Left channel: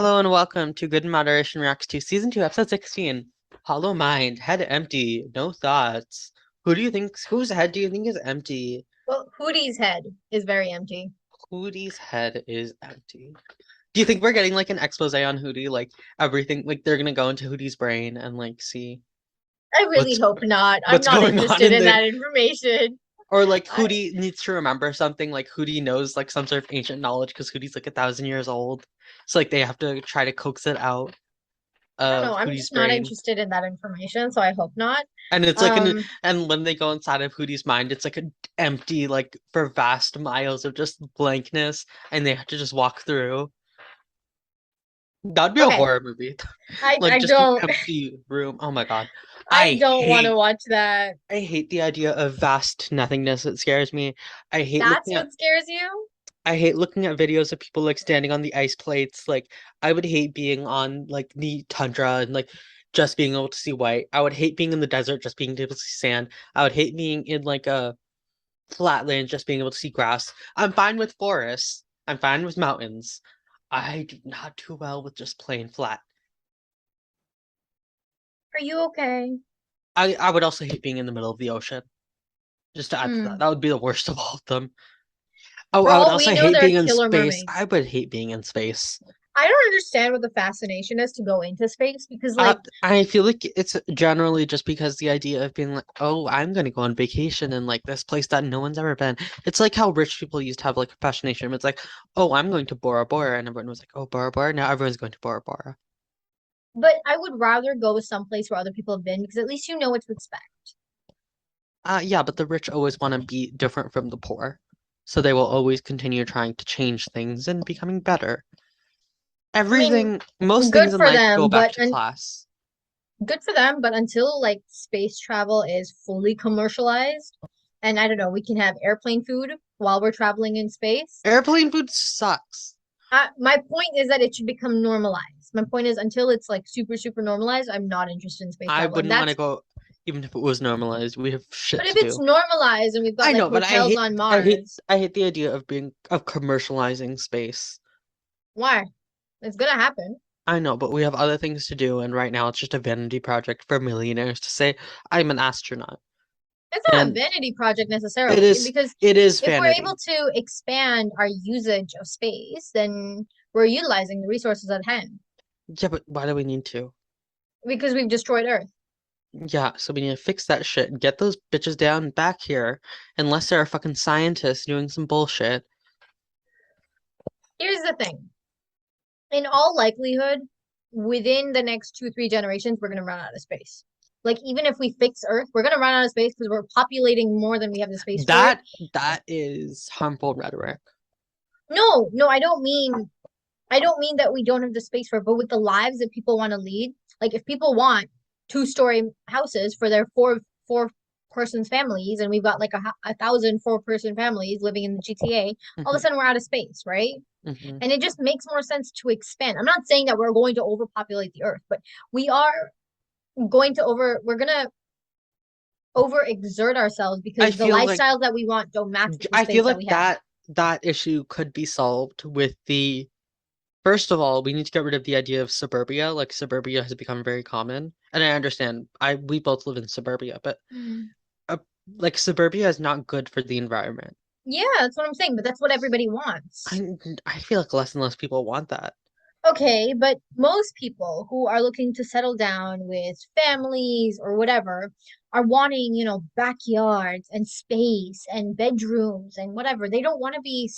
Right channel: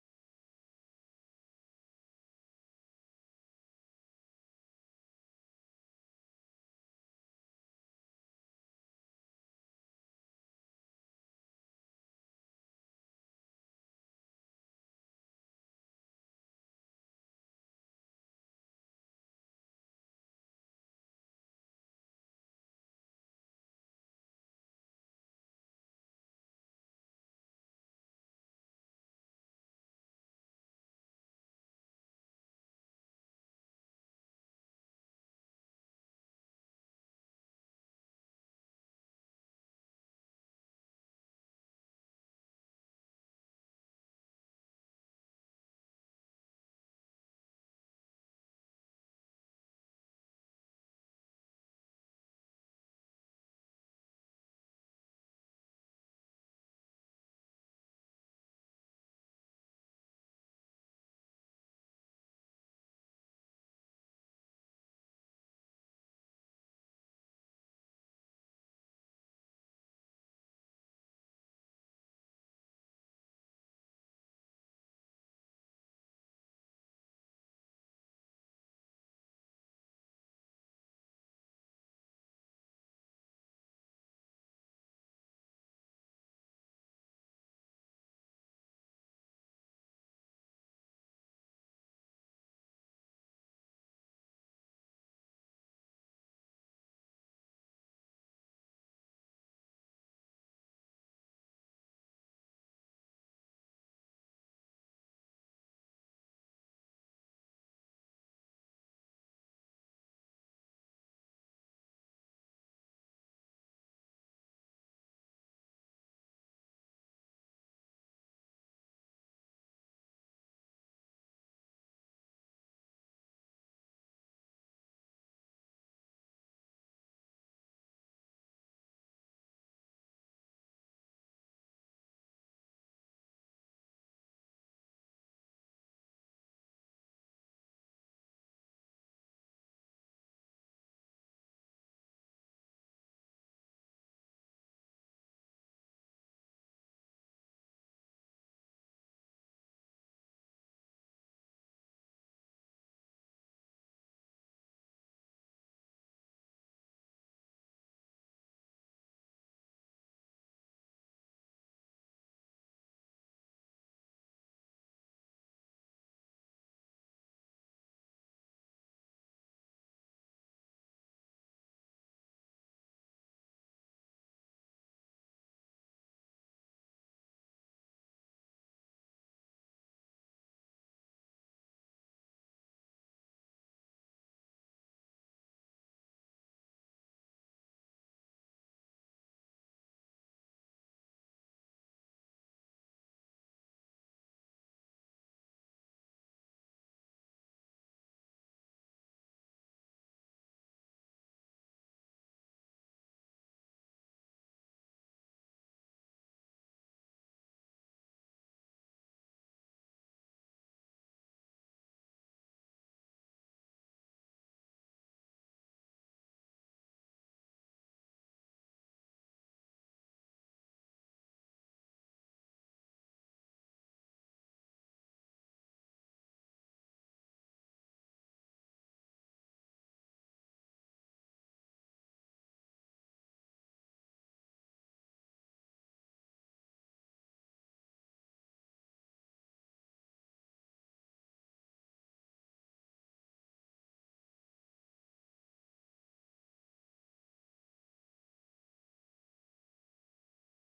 Hello and welcome to Good Moderation Reacts to Season 2, Episode 16. Hollow Mind, Head Empty, No Thoughts. Whose head do you think is empty? Well, Hootie's head is very empty. Hootie's head is empty. Do you think we're getting like an expose on Hootie? Like everything, like they're gonna go into Hootie's brain and like see I really what's hope not. I'm what's not going on interested in in there? that information. Or like I, Hootie needs to remember something, like Hootie knows like some sort of ancient knowledge because Hootie's like 1,000 years old. So like they have to try to coax it out I don't of know. I'm Hootie's just not brain. interested in that information, so I hope not. And it's like Um, and when they go inside of Hootie's mind, it's like an empty, like for vast miles of just blankness, and they have to just walk through. That'd be a okay. horror movie. I Like I just an don't empty room. Oh my God. I I don't want to hate watch that. I hate the idea of vast nothingness. It scares me. I hate That's looking at what scares you? I hate looking at videos of people like standing on the ice plates. Like I would hate being on like the tundra and like just being able to see white. I would hate being in the desert, just being able to see sand. I would hate being in like a flatland, just being able to see grass. I'm fine with forests. I'm fine with mountains. I do not do well with just plain flat. Are you okay? I would also hate being in the middle of the ocean. Just to add to that, Hmm. that would be the worst of all of them. Oh, For I would all we also know, hate there are being in killer space. I mermaids. would hate being in space. I don't understand what the fascination is to go into space because, like, I feel like it's generally just because the idea of being like, oh, I'm gonna go on vacation in like this place that no one's ever been. It's like how rich people used to have like a fascination. It's like, oh, I'm going to Bora Bora, and everyone was like, oh, Bora Bora. Now everyone's going to Bora Bora. but I would rather go someplace where other people have been because at least you know what to expect. Yeah, but the rich always want to be different from the poor. So they will always continue trying to change things and becoming better. I mean, Most good things in for life go them, back but to class. good for them, but until like space travel is fully commercialized, and I don't know, we can have airplane food while we're traveling in space. Airplane food sucks. My point is that it should become normalized. My point is until it's like super, super normalized, I'm not interested in space I travel. And wouldn't want to that's, go, even if it was normalized. We have shit but if to it's do. normalized and we've got I like know, but hotels on Mars, I hate the idea of commercializing space. why? It's gonna happen. I know, but we have other things to do, and right now it's just a vanity project for millionaires to say, I'm an astronaut. It's not a And vanity project it necessarily, is because it is if we're able vanity. to expand our usage of space, then we're utilizing the resources at hand Yeah, but why do we need to? because we've destroyed Earth. Yeah, so we need to fix that shit and get those bitches down back here, unless they're fucking scientists doing some bullshit. Here's the thing. In all likelihood, within the next 2, 3 generations, we're gonna run out of space. Like even if we fix Earth, we're gonna run out of space because we're populating more than we have the space for. That is harmful rhetoric. No, no, I don't mean that we don't have the space for it, but with the lives that people want to lead, like if people want 2-story houses for their four persons families, and we've got like a thousand 4-person families living in the GTA, all of a Hmm. sudden we're out of space, right? Hmm. And it just makes more sense to expand. I'm not saying that we're going to overpopulate the earth, but we are we're gonna overexert ourselves I because the feel like lifestyles that we want don't match with the I feel space that like we have. that issue could be solved with the first of all, we need to get rid of the idea of suburbia. Like suburbia has become very common, and I understand. We both live in suburbia, but Mm. uh, like suburbia is not good for the environment. Yeah, that's what I'm saying, but that's what everybody wants. I feel like less and less people want that. Okay, but most people who are looking to settle down with families or whatever are wanting, backyards and space and bedrooms and whatever. They don't want to be,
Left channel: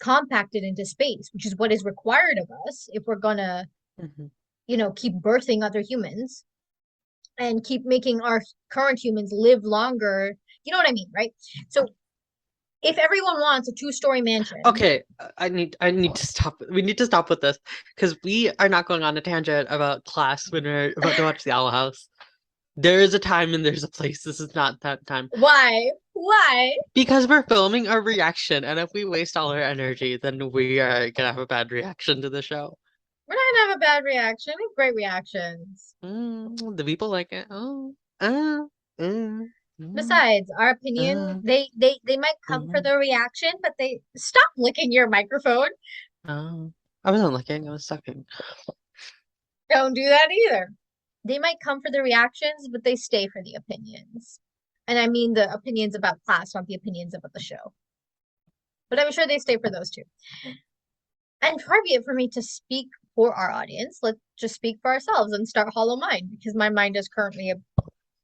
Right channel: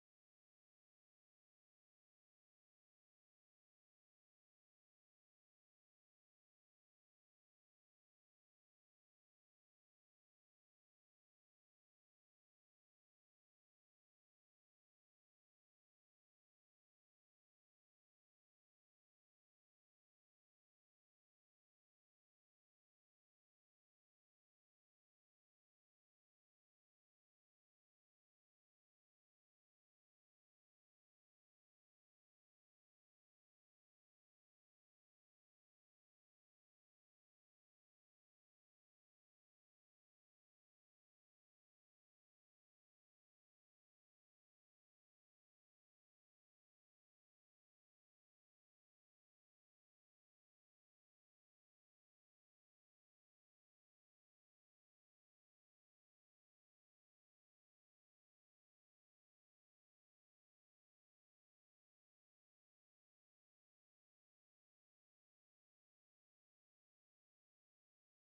compacted into space, which is what is required of us if we're gonna, Hmm. keep birthing other humans and keep making our current humans live longer. You know what I mean, right? So if everyone wants a 2-story mansion, Okay, I need to stop. We need to stop with this because we are not going on a tangent about class when we're about to watch the Owl House. There is a time and there's a place. This is not that time. why? Why? Because we're filming a reaction, and if we waste all our energy, then we are gonna have a bad reaction to the show. We're not gonna have a bad reaction. We have great reactions. The people like it. Oh, mm, Besides, our opinion, uh, they might come for mm, the reaction, but they stop licking your microphone. oh. I wasn't looking, I was sucking. Don't do that either. They might come for the reactions, but they stay for the opinions. And I mean the opinions about class, not the opinions about the show. But I'm sure they stay for those too. And far be it for me to speak for our audience. Let's just speak for ourselves and start Hollow Mind, because my mind is currently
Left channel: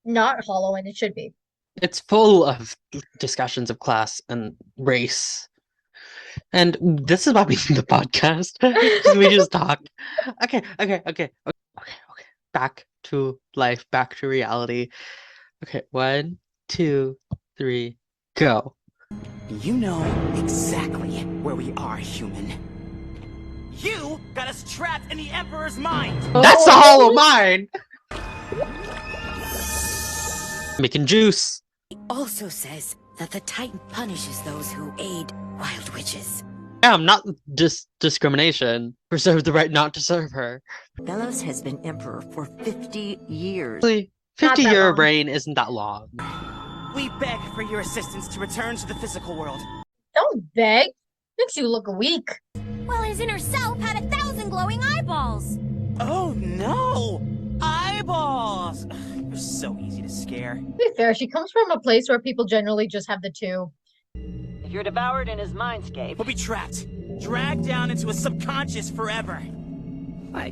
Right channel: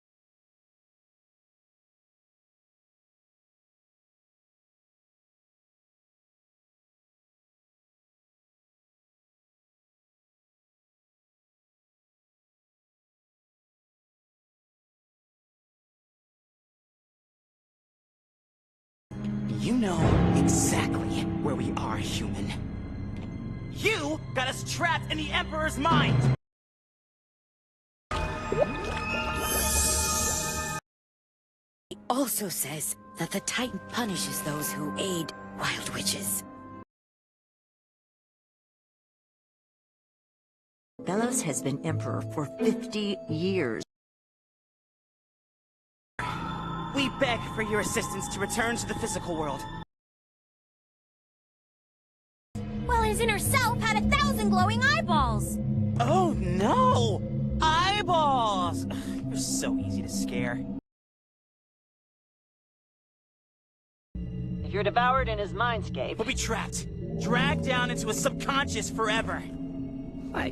not hollow and it should be. It's full of discussions of class and race. And this is why we need the podcast. Because we just talk. Okay. Back to life, back to reality. Okay, 1, 2, 3, go. You know exactly where we are, human. You got us trapped in the Emperor's mind! That's the Hollow Mind! Making juice. He also says that the Titan punishes those who aid wild witches. Yeah, not just discrimination. Reserve the right not to serve her. Belos has been emperor for 50 years. Actually, Not that 50-year long. reign isn't that long. We beg for your assistance to return to the physical world. Don't beg. Makes you look weak. Well, his inner self had 1,000 glowing eyeballs. Oh no! Eyeballs! You're so easy to scare. To be fair, she comes from a place where people generally just have the two. If you're devoured in his mindscape, We'll be trapped, dragged down into a subconscious forever. I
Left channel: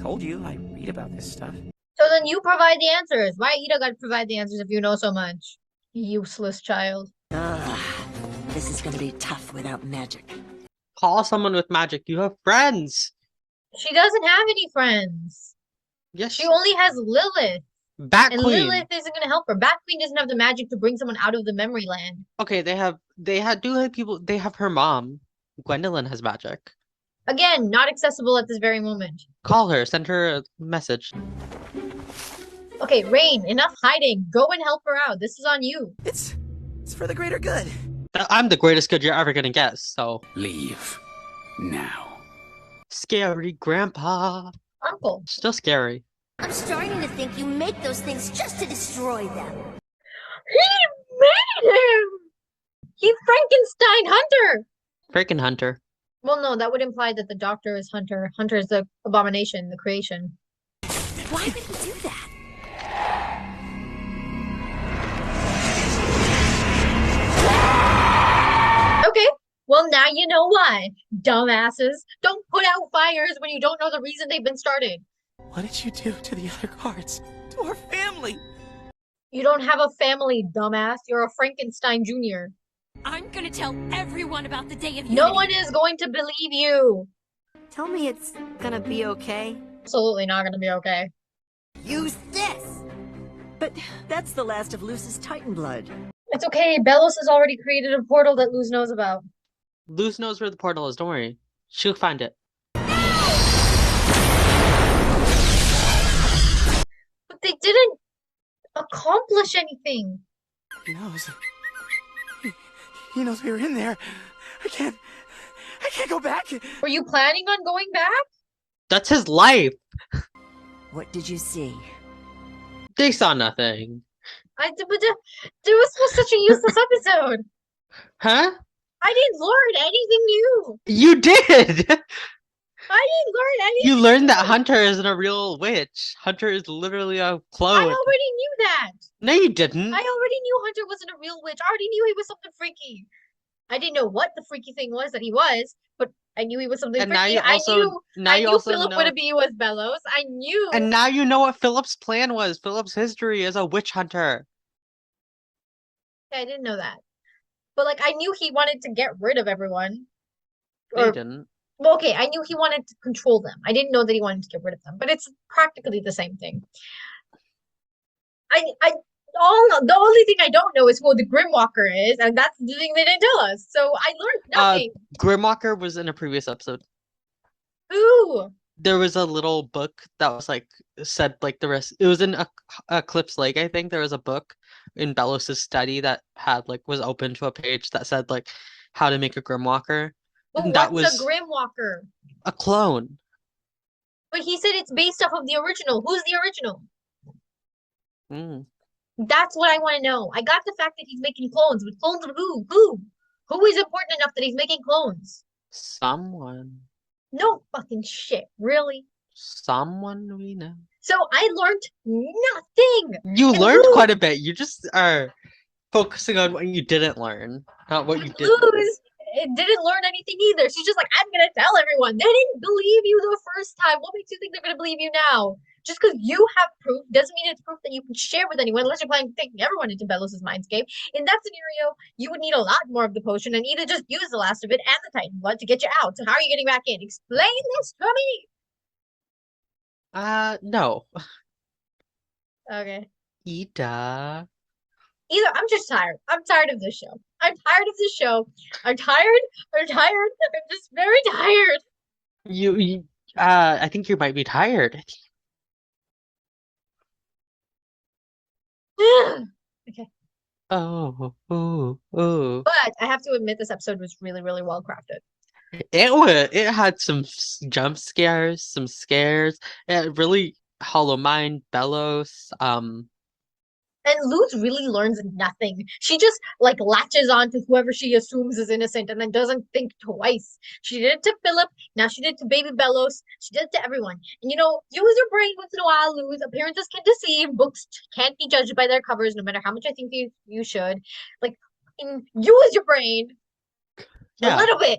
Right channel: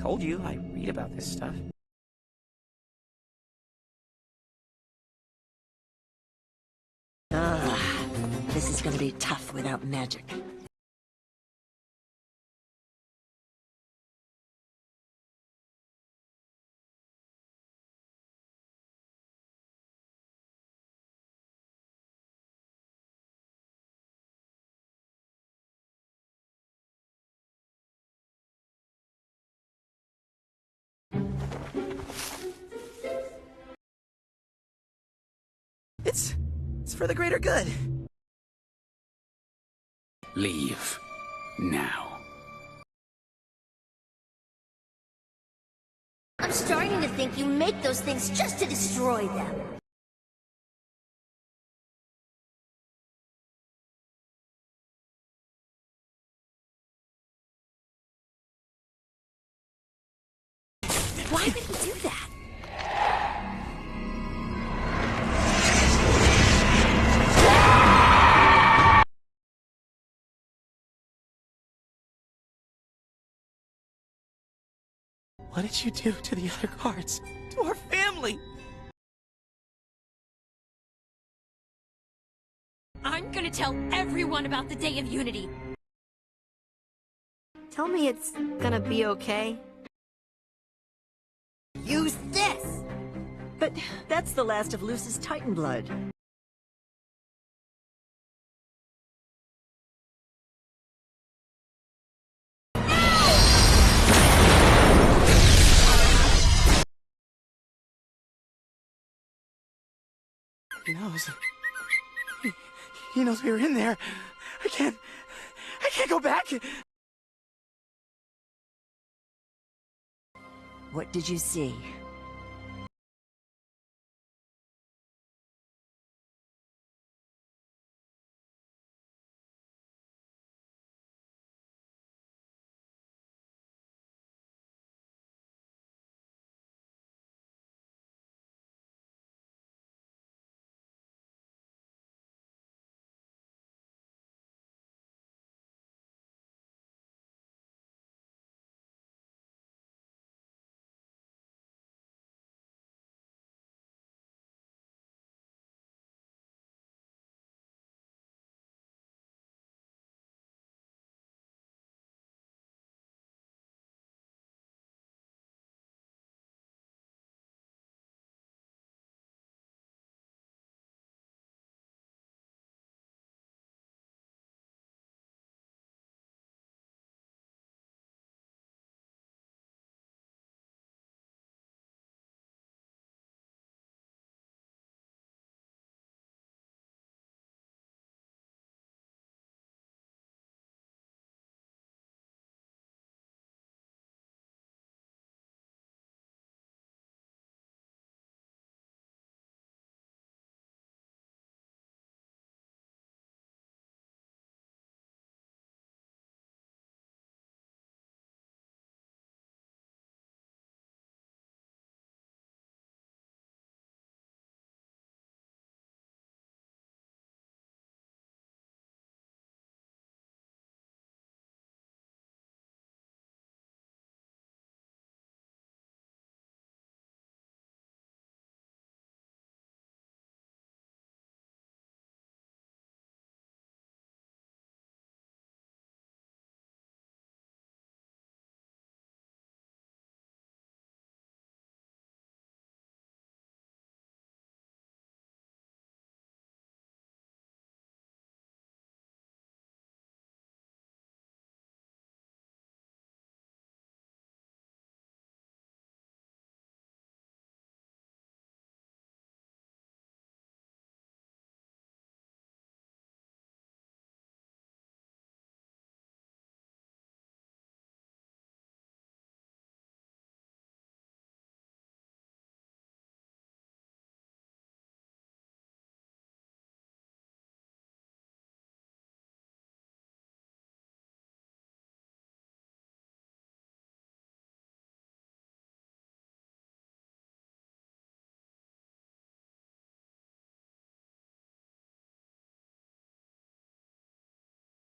told you, I read about this stuff. So then you provide the answers. Why Ida gotta provide the answers if you know so much? Useless child. Ugh, this is gonna be tough without magic. Call someone with magic. You have friends. She doesn't have any friends. Yes. She only has Lilith. Bat And Queen. Lilith isn't gonna help her. Bat Queen doesn't have the magic to bring someone out of the memory land. Okay, they have people. They have her mom. Gwendolyn has magic. Again, not accessible at this very moment. Call her. Send her a message. Okay, Rain, enough hiding. Go and help her out. This is on you. It's for the greater good. I'm the greatest good you're ever gonna get. So Leave. Now. scary, Grandpa. Uncle. Still scary. I'm starting to think you make those things just to destroy them. He made him! He Frankenstein Hunter! Freaking Hunter. Well, no, that would imply that the doctor is Hunter. Hunter is the abomination, the creation. Why would he do that? Okay, well now you know why. Dumbasses. Don't put out fires when you don't know the reason they've been started. What did you do to the other guards? To our family? You don't have a family, dumbass. You're a Frankenstein Jr. I'm gonna tell everyone about the Day of Unity. No one is going to believe you. Tell me it's gonna be okay. Absolutely not gonna be okay. Use this! But that's the last of Luce's Titan blood. It's okay. Belos has already created a portal that Luz knows about. Luz knows where the portal is. Don't worry. She'll find it. But they didn't accomplish anything. He knows. He knows we were in there. I can't go back. Were you planning on going back? That's his life. What did you see? They saw nothing. But there was such a useless episode. Huh? I didn't learn anything new. You did! I didn't learn anything. You learned that Hunter isn't a real witch. Hunter is literally a I clone. already knew that. No, you didn't. I already knew Hunter wasn't a real witch. I already knew he was something freaky. I didn't know what the freaky thing was that he was, but I knew he was something And freaky. now you also I knew Philip know. would be was Belos. I knew. And now you know what Philip's plan was. Philip's history as a witch hunter. I didn't know that. But like I knew he wanted to get rid of everyone. No, you Or didn't. well, okay, I knew he wanted to control them. I didn't know that he wanted to get rid of them, but it's practically the same thing. The only thing I don't know is who the Grimwalker is, and that's the thing they didn't tell us. So I learned nothing. Grimwalker was in a previous episode. Ooh, There was a little book that was like said like the rest. It was in Eclipse Lake, I think. There was a book in Belos's study that had like was open to a page that said like how to make a Grimwalker. but And that what's was a Grimwalker? a clone. But he said it's based off of the original. Who's the original? Mm. That's what I want to know. I got the fact that he's making clones, but clones of who? Who? Who is important enough that he's making clones? Someone. No fucking shit. Really? Someone we know. So I learned nothing. You And learned quite a Luz, bit. You just are focusing on what you didn't learn, not what you did learn. Luz it didn't learn anything either. She's just like, I'm gonna tell everyone. They didn't believe you the first time. What makes you think they're gonna believe you now? Just because you have proof doesn't mean it's proof that you can share with anyone unless you're planning taking everyone into Belos's mindscape. In that scenario, you would need a lot more of the potion and either just use the last of it and the Titan blood to get you out. So how are you getting back in? Explain this to me. No. Okay. Ida. Either I'm just tired. I'm tired of this show. I'm tired of this show. I'm tired. I'm tired. I'm just very tired. I think you might be tired. Okay. Oh. But I have to admit this episode was really, really well crafted. It had some jump scares, some scares. It really Hollow Mind, Belos. And Luz really learns nothing. She just like latches on to whoever she assumes is innocent and then doesn't think twice. She did it to Philip, now she did it to Baby Belos, she did it to everyone. And you know, use your brain once in a while, Luz. Appearances can deceive, books can't be judged by their covers, no matter how much I think you should. Like use your brain a Yeah. little bit.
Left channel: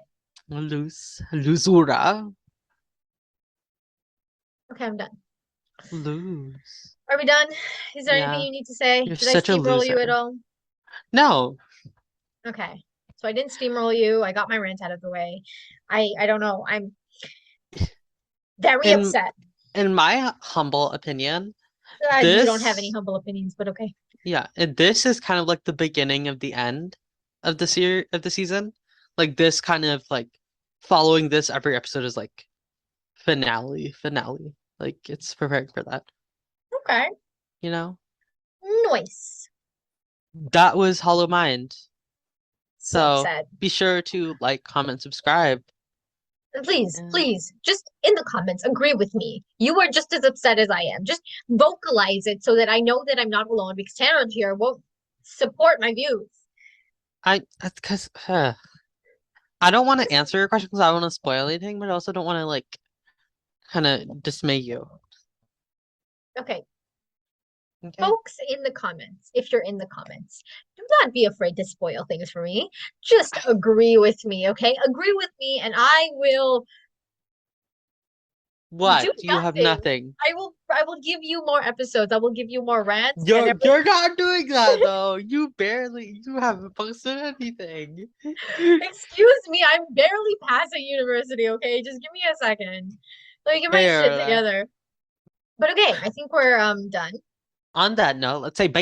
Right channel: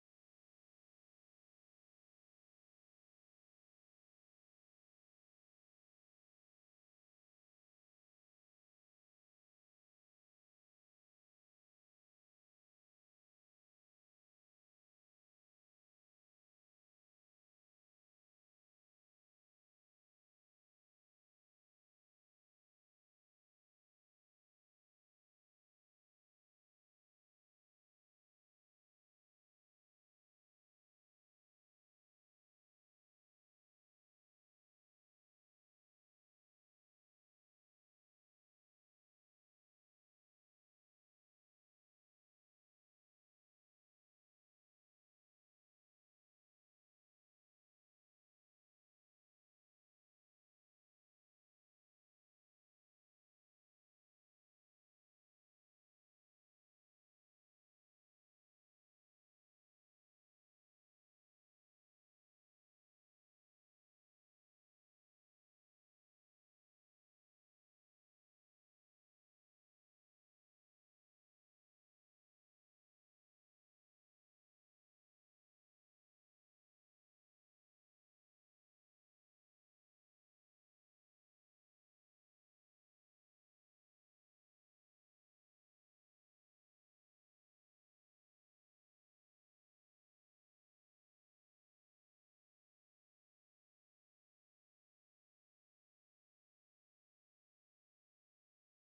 Luzura. Okay, I'm done. Lose. Are we done? Is there Yeah. anything you need to say? You're Did I such a steamroll you at loser. all? No. Okay. So I didn't steamroll you. I got my rant out of the way. I don't know. I'm very upset. In my humble opinion, You don't have any humble opinions, but okay. Yeah, and this is kind of like the beginning of the end of the season. Like this kind of like following this every episode is like finale. Like it's preparing for that, Okay. you know? Nice. That was Hollow Mind. So So upset. be sure to like, comment, subscribe. And please, And please, just in the comments, agree with me. You are just as upset as I am. Just vocalize it so that I know that I'm not alone because Tanner here won't support my views. because I don't want to answer your question because I don't want to spoil anything, but I also don't want to like kind of dismay you. Okay. Okay. Folks in the comments, if you're in the comments, do not be afraid to spoil things for me. Just agree with me, okay? Agree with me and I will What? do You have nothing. I will give you more episodes. I will give you more rants. You're not doing that though. You haven't posted anything. Excuse me, I'm barely passing university, okay? Just give me a second. Let me get my shit Fair. together. But okay, I think we're done. On that note, let's say bye.